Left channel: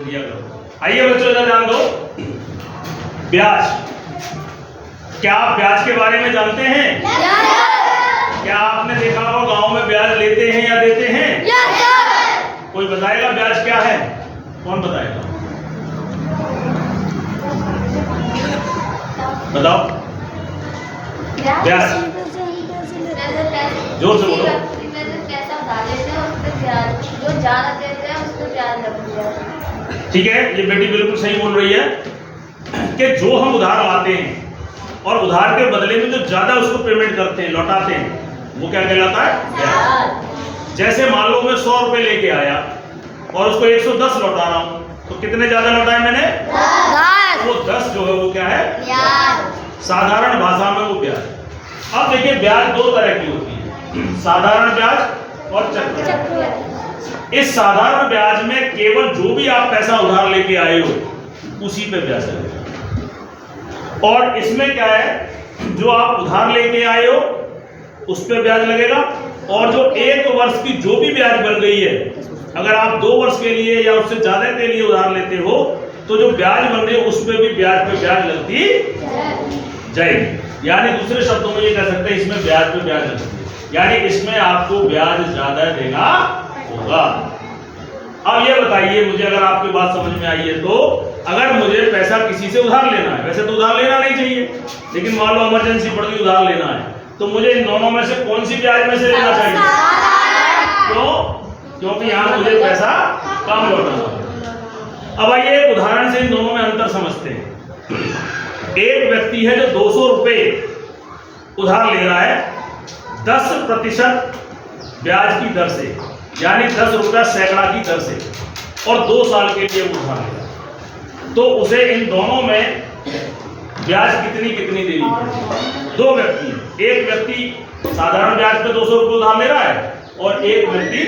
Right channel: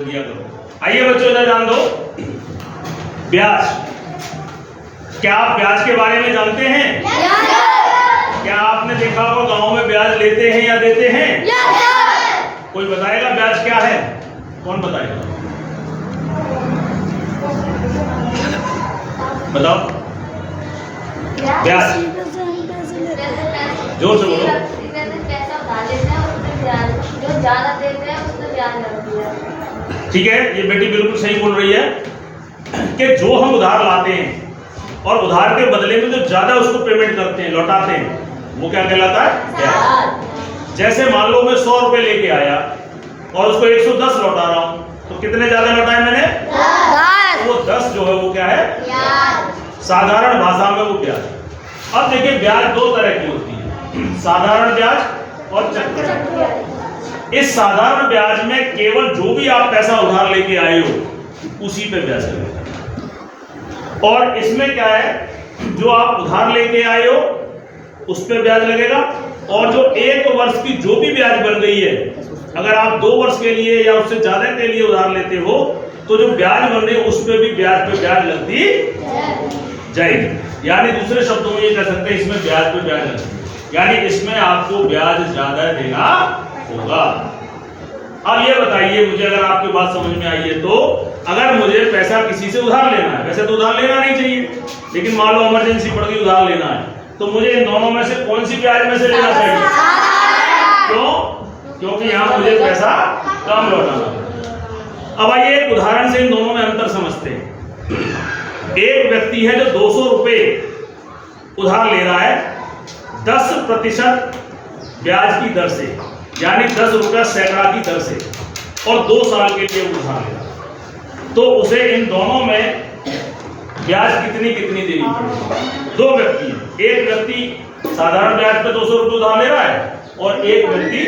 आइए बच्चों इधर ध्यान दो। ब्याज, क्या आप ब्याज के बारे में जानते हैं? क्या आपने देखा होगा गांव में ब्याज लेते हैं या देते हैं? कोई बताएगा ब्याज क्या है? कौन बताएगा? बताओ। ब्याज जोर से बोलो। ठीक है, ये बेटी बिल्कुल सही बोल रही है कि जो हम उधार लाते हैं और उधार के बदले में जो ज्यादा उसको पेमेंट करते हैं, लौटाते हैं, वो क्या कहलाता है? ब्याज। जैसे मान लो मैं 100 रुपए लेके आया और उसको 110 लौटा रहा हूं, तो कितने ज्यादा लौटाए मैंने? 10। वो 10 जो है वो क्या है? ब्याज। साधारण भाषा में वो ब्याज। अब देखिए, ब्याज दो तरह की होती है, साधारण ब्याज और चक्रवृद्धि ब्याज। इस साधारण ब्याज में केवल जो भी आप पैसा उधार लेके आए हो उसी पे ब्याज लगेगा, और इसमें क्या है, जो आप उधार लेके आए हो उस पे ब्याज लगेगा, और जो 1 वर्ष की जो भी ब्याज बन गई है, अगर आप 2 वर्ष के लिए या उससे ज्यादा के लिए उधार लेते हो तो जो ब्याज बन रही है उस पे भी ब्याज लगती जाएगी। यानी दूसरे शब्दों में ये कह सकते हैं, इसमें ब्याज पे ब्याज लगती है, यानी इसमें आपको ब्याज ज्यादा देना होगा। अब ये बताइए मुझे, अगर आपकी बात समझ में आई है तो, अगर मुझे पैसा किसी से उधार लेना है, वैसे तो उधार लेना नहीं चाहिए, लेकिन मान लो इमरजेंसी पड़ गई, उधार लेना है, तो मुझे इन दोनों में से कौन सी ब्याज में से लेना चाहिए? क्यों? क्योंकि यहां मुझे पैसा कम लौटाना है। अब आइए एक उदाहरण से इन दोनों में अंतर समझते हैं। एक व्यक्ति है जो 200 रुपए उधार ले रहा है 10% ब्याज की दर से, यानी 10 रुपया सैकड़ा की दर से, और 2 साल के लिए उधार ले रहा है, तो उसे इन दोनों में ब्याज कितनी देनी पड़ेगी? 2 व्यक्ति हैं, एक व्यक्ति साधारण ब्याज पर 200 रुपये उधार ले रहा है और एक व्यक्ति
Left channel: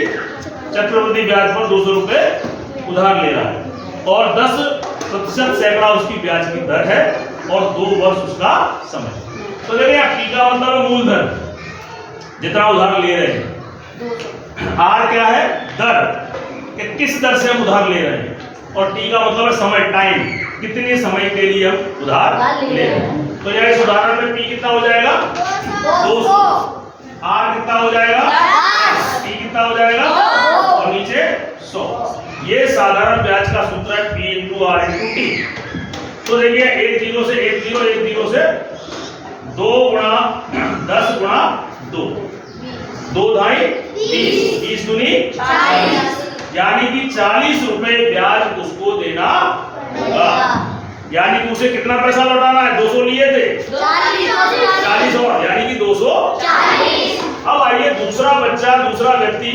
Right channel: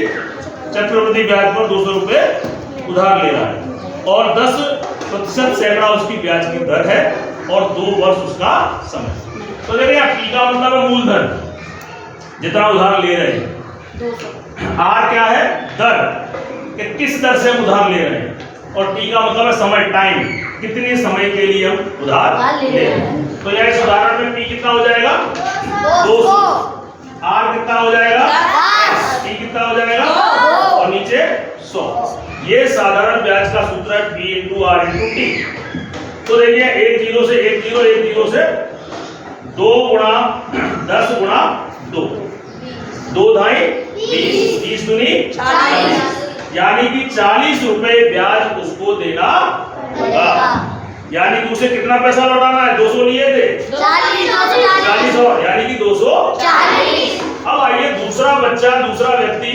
चक्रवृद्धि ब्याज पर 200 रुपये उधार ले रहा है, और 10% सैकड़ा उसकी ब्याज की दर है और 2 वर्ष उसका समय। तो देखिए, P का मतलब है मूलधन, जितना उधार ले रहे हैं। R क्या है? दर, कि किस दर से हम उधार ले रहे हैं, और T का मतलब है समय, टाइम, कितने समय के लिए हम उधार ले रहे हैं। तो यार इस उदाहरण में P कितना हो जाएगा? 200। R कितना हो जाएगा? T कितना हो जाएगा? और नीचे 100। ये साधारण ब्याज का सूत्र है, P × R × T। तो देखिए, 1 0 से 1 0 1 0 से 2 × 10 × 2, 2 ढाई 20, 20 दूनी 40, यानी कि 40 रुपए ब्याज उसको देना होगा। यानी कि उसे कितना पैसा लौटाना है? 200 लिए थे, 40 और, यानी कि 240। अब आइए, दूसरा बच्चा, दूसरा व्यक्ति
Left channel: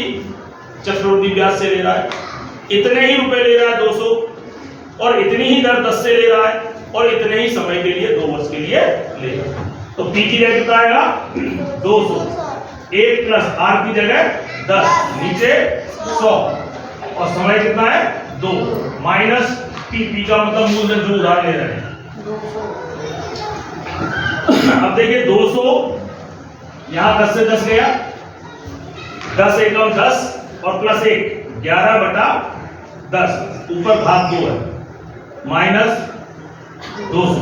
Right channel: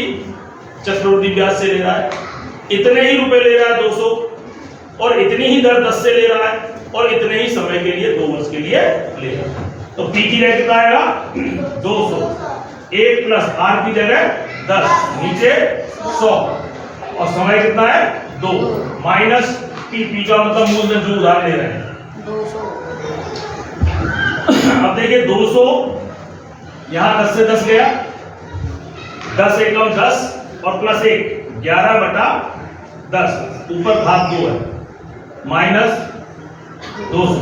चक्रवृद्धि ब्याज से ले रहा है, इतने ही रुपए ले रहा है 200, और इतनी ही दर 10 से ले रहा है, और इतने ही समय के लिए 2 वर्ष के लिए ले रहा है। तो P की जगह कितना आएगा? 200, 1 + R की जगह 10, नीचे 100, और समय कितना है? 2, माइनस P का मतलब मूलधन जो उधार ले रहे हैं। अब देखिए, 200 यहां 10 से 10 गया, 10 एकम 10 और +1 11/10, ऊपर भाग 2 है, माइनस 200।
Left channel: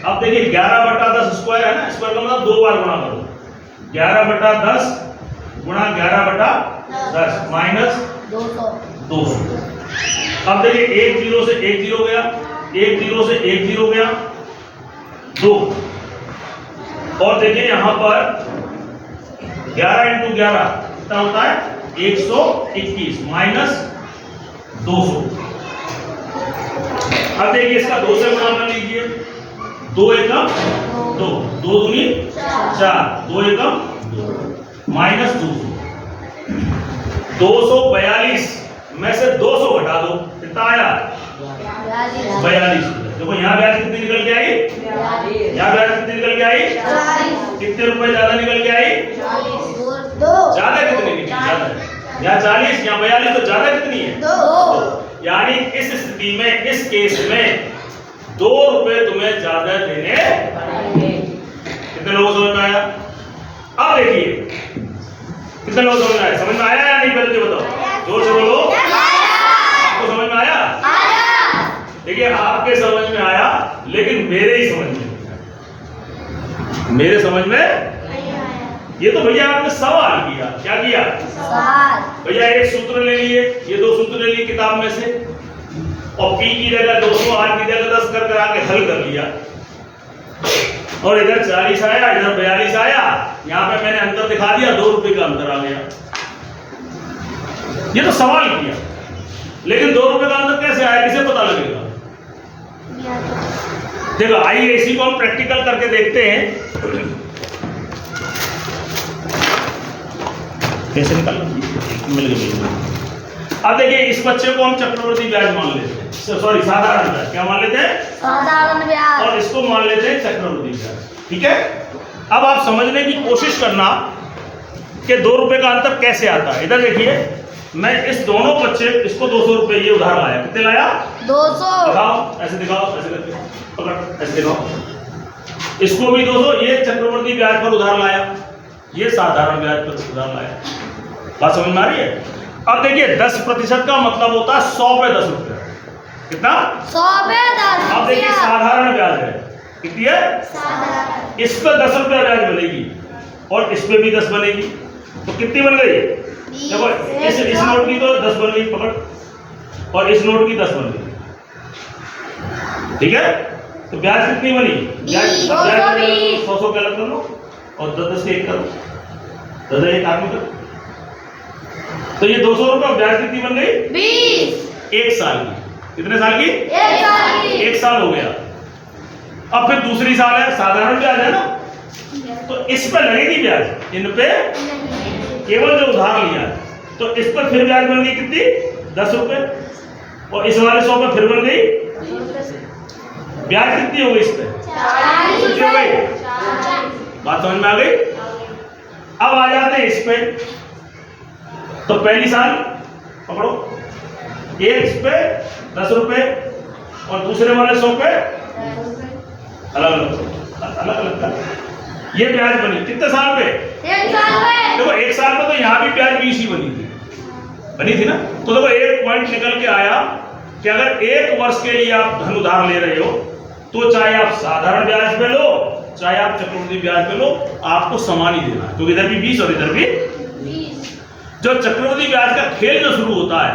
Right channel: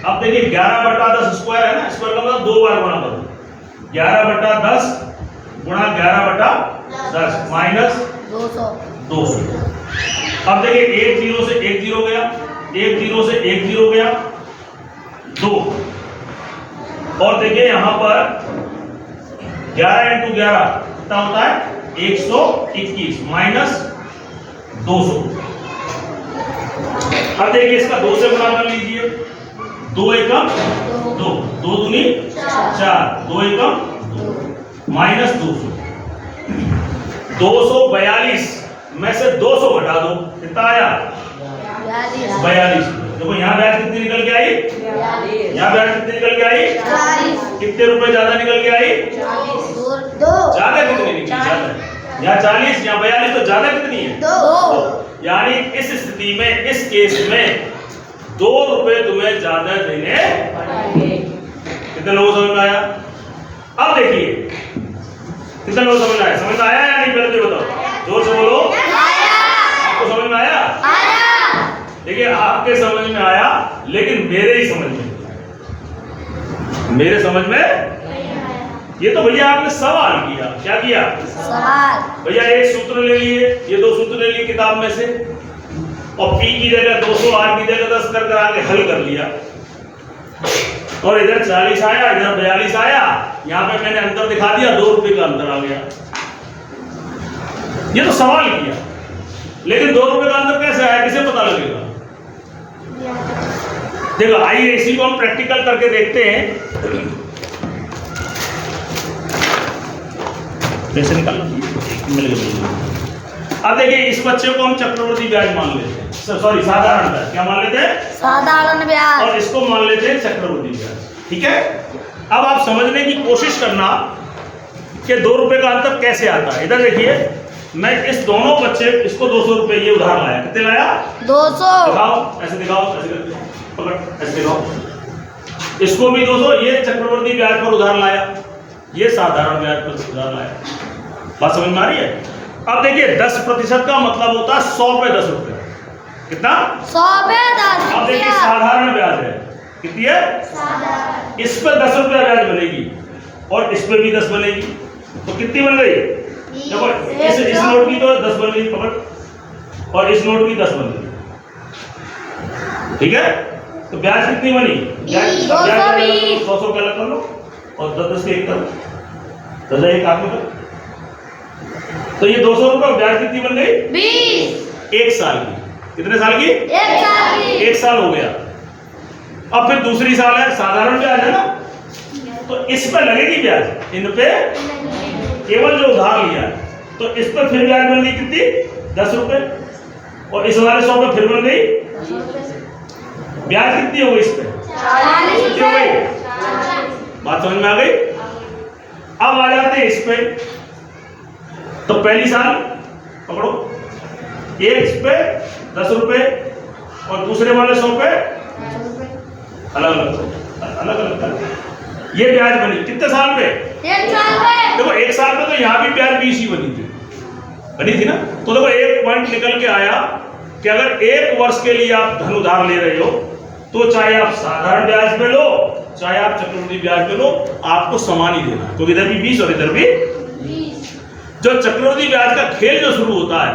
अब देखिए, 11/10 स्क्वायर है ना, स्क्वायर का मतलब 2 बार गुणा करो, 11/10 गुणा 11/10 माइनस 200। अब देखिए, 1 0 से 1 0 गया, 1 0 से 1 0 गया, 2, और देखिए यहां पर 11 × 11 कितना होता है? 121 माइनस 200। अब देखिए, इसका 2 से गुणा कर लीजिए, 2 एकम 2, 2 दूनी 4, 2 एकम 2, माइनस 200। 242 में से 200 घटा दो, कितना आया? 42। देखो यहाँ ब्याज कितनी निकल के आई? यहाँ ब्याज कितनी निकल के आई? कितने रुपए ज्यादा निकल के आई? ज्यादा कितनी निकली? ज्यादा, यहाँ 40, यहाँ 42, तो ज्यादा कितनी है? 2। यानी इस स्थिति में, इस केस में 2 रुपए तुम्हें ज्यादा देने पड़ेंगे। कितने लोगों को समझ में आया? अब देखिए, कितने लोगों को समझ में आया? समझ में आया या नहीं? पहले बताओ। जोर से बोलो। आपको समझ में आया? देखिए आपके समझ में आया, लेकिन मेरे ही समझ में नहीं आया। मेरे समझ में ये तो भैया आपने सवाल किया। क्या किया? सवाल। भैया एक सूत्र ले लिए, ये दो सूत्र ले लिए किताब में से, और P की जगह 200, R की जगह 10 कर आके हल कर लिया, और इधर 40 आया, इधर 42 आया। यहाँ पे मैंने अंतर दिखा दिया, 2 रुपए का अंतर आ गया। ये तो सवाल किया, लेकिन 2 रुपए का अंतर कैसे आया, किसे पता लगेगा? देखो आइए इसी को हम प्रैक्टिकल करके देखते हैं। कैसे निकालना? मिल गया। अब देखिए इस बच्चे को हम चक्रवर्ती ब्याज मान लेते हैं, सॉरी साधारण ब्याज। क्या मान लेते हैं? साधारण ब्याज। और इसको मान लेते हैं चक्रवर्ती ब्याज। ठीक है, अब आप समझने की कोशिश करना कि 2 रुपए का अंतर कैसे आता है। इधर देखिए, मैं इस दोनों बच्चे, इसको 200 रुपए ये उधार लाया। कितने लाया? 200। दिखाओ, ऐसे दिखाओ, ऐसे करके पकड़, ऐसे दिखाओ। इसको भी 200, ये चक्रवर्ती ब्याज पर उधार लाया, ये साधारण ब्याज पर उधार लाया। बात समझ में आ रही है? अब देखिए 10% का मतलब होता है 100 पे 10 रुपया। कितना? 100 पे 10। अब देखिए साधारण ब्याज है, कितनी है? इस पे 10 रुपया ब्याज बनेगी, और इस पे भी 10 बनेगी, तो कितनी बन गई? देखो इस नोट की तो 10 बन गई, पकड़, और इस नोट की 10 बन गई। ठीक है, तो ब्याज कितनी बनी? ब्याज 100 का अलग कर लो, और 10 के 1 करो, 10 1 आप में करो, तो ये 200 रुपये ब्याज कितनी बन गई? 20। 1 साल की। कितने साल की? 1 साल की। 1 साल हो गया। अब फिर दूसरी साल है, साधारण ब्याज है ना, तो इस पे लगेगी ब्याज, इन पे केवल जो उधार लिया है, तो इस पर फिर ब्याज बन गई कितनी? 10 रुपए, और इस वाले 100 पे फिर बन गई ब्याज कितनी हो गई? इस पे 40 कितनी हो गई? बात समझ में आ गई? अब आ जाते हैं इस पे, तो पहली साल पकड़ो, एक इस पे 10 रुपए, और दूसरे वाले 100 पे अलग अलग कर। ये ब्याज बनी कितने साल पे? 1 साल पे। देखो 1 साल पे तो यहाँ भी ब्याज 20 ही बनी थी ना। तो देखो एक पॉइंट निकल के आया कि अगर 1 वर्ष के लिए आप धन उधार ले रहे हो, तो चाहे आप साधारण ब्याज पे लो, चाहे आप चक्रवृद्धि ब्याज पे लो, आपको समान ही देना है, क्योंकि इधर भी 20 और इधर भी 20। जो चक्रवृद्धि ब्याज का खेल जो शुरू होता है,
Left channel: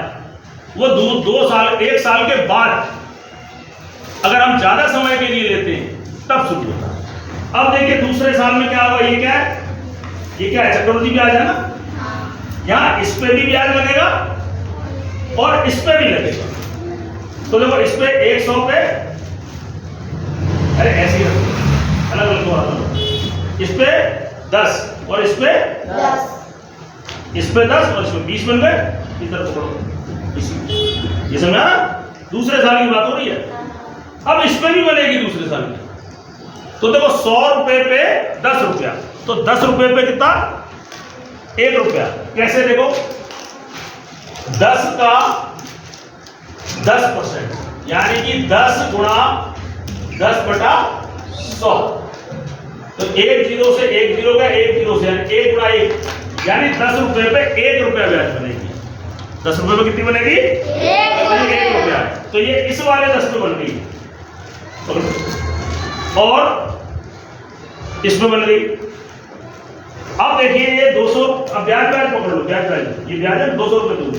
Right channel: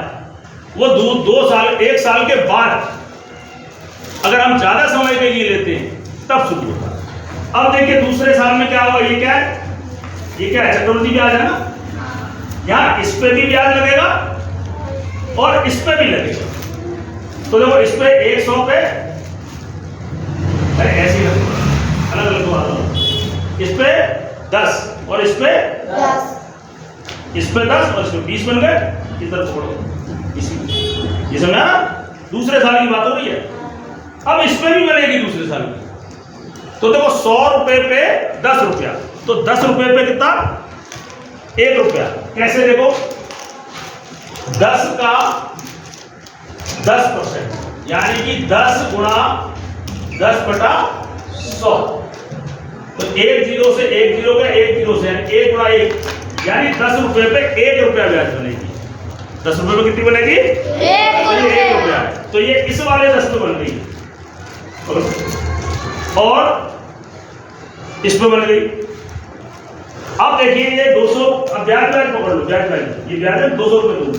वो 2 साल 1 साल के बाद, अगर हम ज्यादा समय के लिए लेते हैं तब शुरू होता है। अब देखिए दूसरे साल में क्या होगा? ये क्या है? ये क्या है? चक्रवृद्धि ब्याज है ना। यहाँ इस पे भी ब्याज लगेगा और इस पे भी लगेगा, तो देखो इस पे 100 पे, अरे ऐसे ही अलग अलग, इस पे 10 और इस पे 10, इस पे 10 और इस पे 20 बन गए। इस तरफ पकड़ो, ये समझा ना? दूसरे साल की बात हो रही है। अब इस पे भी बनेगी दूसरे साल की, तो देखो 100 रुपए पे 10 रुपया, तो 10 रुपए पे कितना? 1 रुपया। कैसे? देखो 10 का 10%, यानी कि 10 गुणा 10/100, तो 1 0 से 1 0 का 1 0 से 1 गुणा 1, यानी 10 रुपए पे 1 रुपया ब्याज बनेगी। 10 रुपए पे कितनी बनेगी? 1 रुपया। तो ये इस वाले 10 पे बन गई, और इस पे बन गई। अब देखिए ये 200, अब ब्याज पकड़ लो, ब्याज ये ब्याज है 200 रुपए दूर।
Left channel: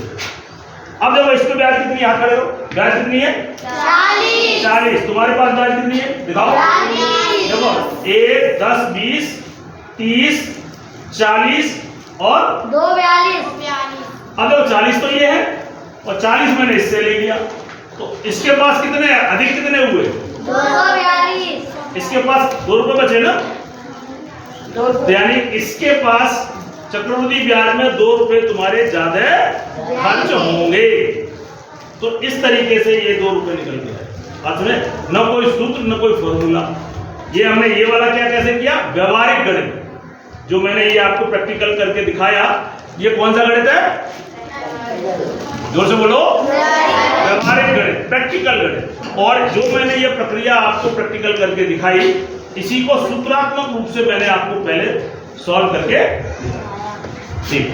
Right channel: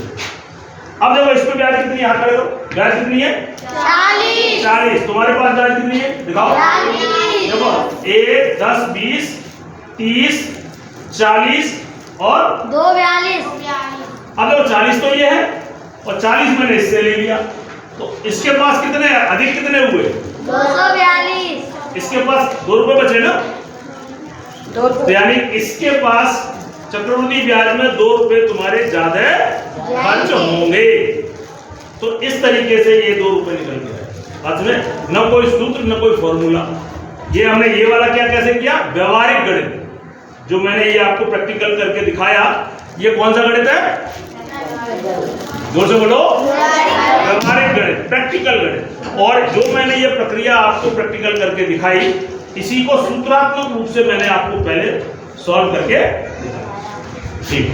अब देखो इस पे ब्याज कितनी, यहाँ खड़े हो, ब्याज कितनी है? 40। तुम्हारे पास ब्याज कितनी है? दिखाओ। देखो 1 10 20 30 40 और 2 42। अब देखो 40 तो ये है, और 40 मैंने इससे ले लिया, तो इसके पास कितने अधिक कितने हुए? 242। इसके पास 2 रुपए बचे ना, तो यानी इसके पास चक्रवृद्धि ब्याज में 2 रुपए तुम्हारे ज्यादा खर्च होंगे। तो इस तरीके से ये 2 रुपए निकल गया। बात सुने, न कोई सूत्र न कोई फॉर्मूला। ये हमने ये वाला क्या कैसे किया? व्यवहारिक गणित, जो मैंने ये आपको प्रैक्टिकल करके दिखाया, ये कौन सा गणित है? जोर से बोलो। व्यवहारिक गणित, प्रैक्टिकल गणित। और जो मैंने ये प्रक्रिया आपको प्रैक्टिकल करके दिखाई, इसी को सूत्रात्मक रूप से मैंने आपको पहले सॉल्व करके दिखाया। ठीक।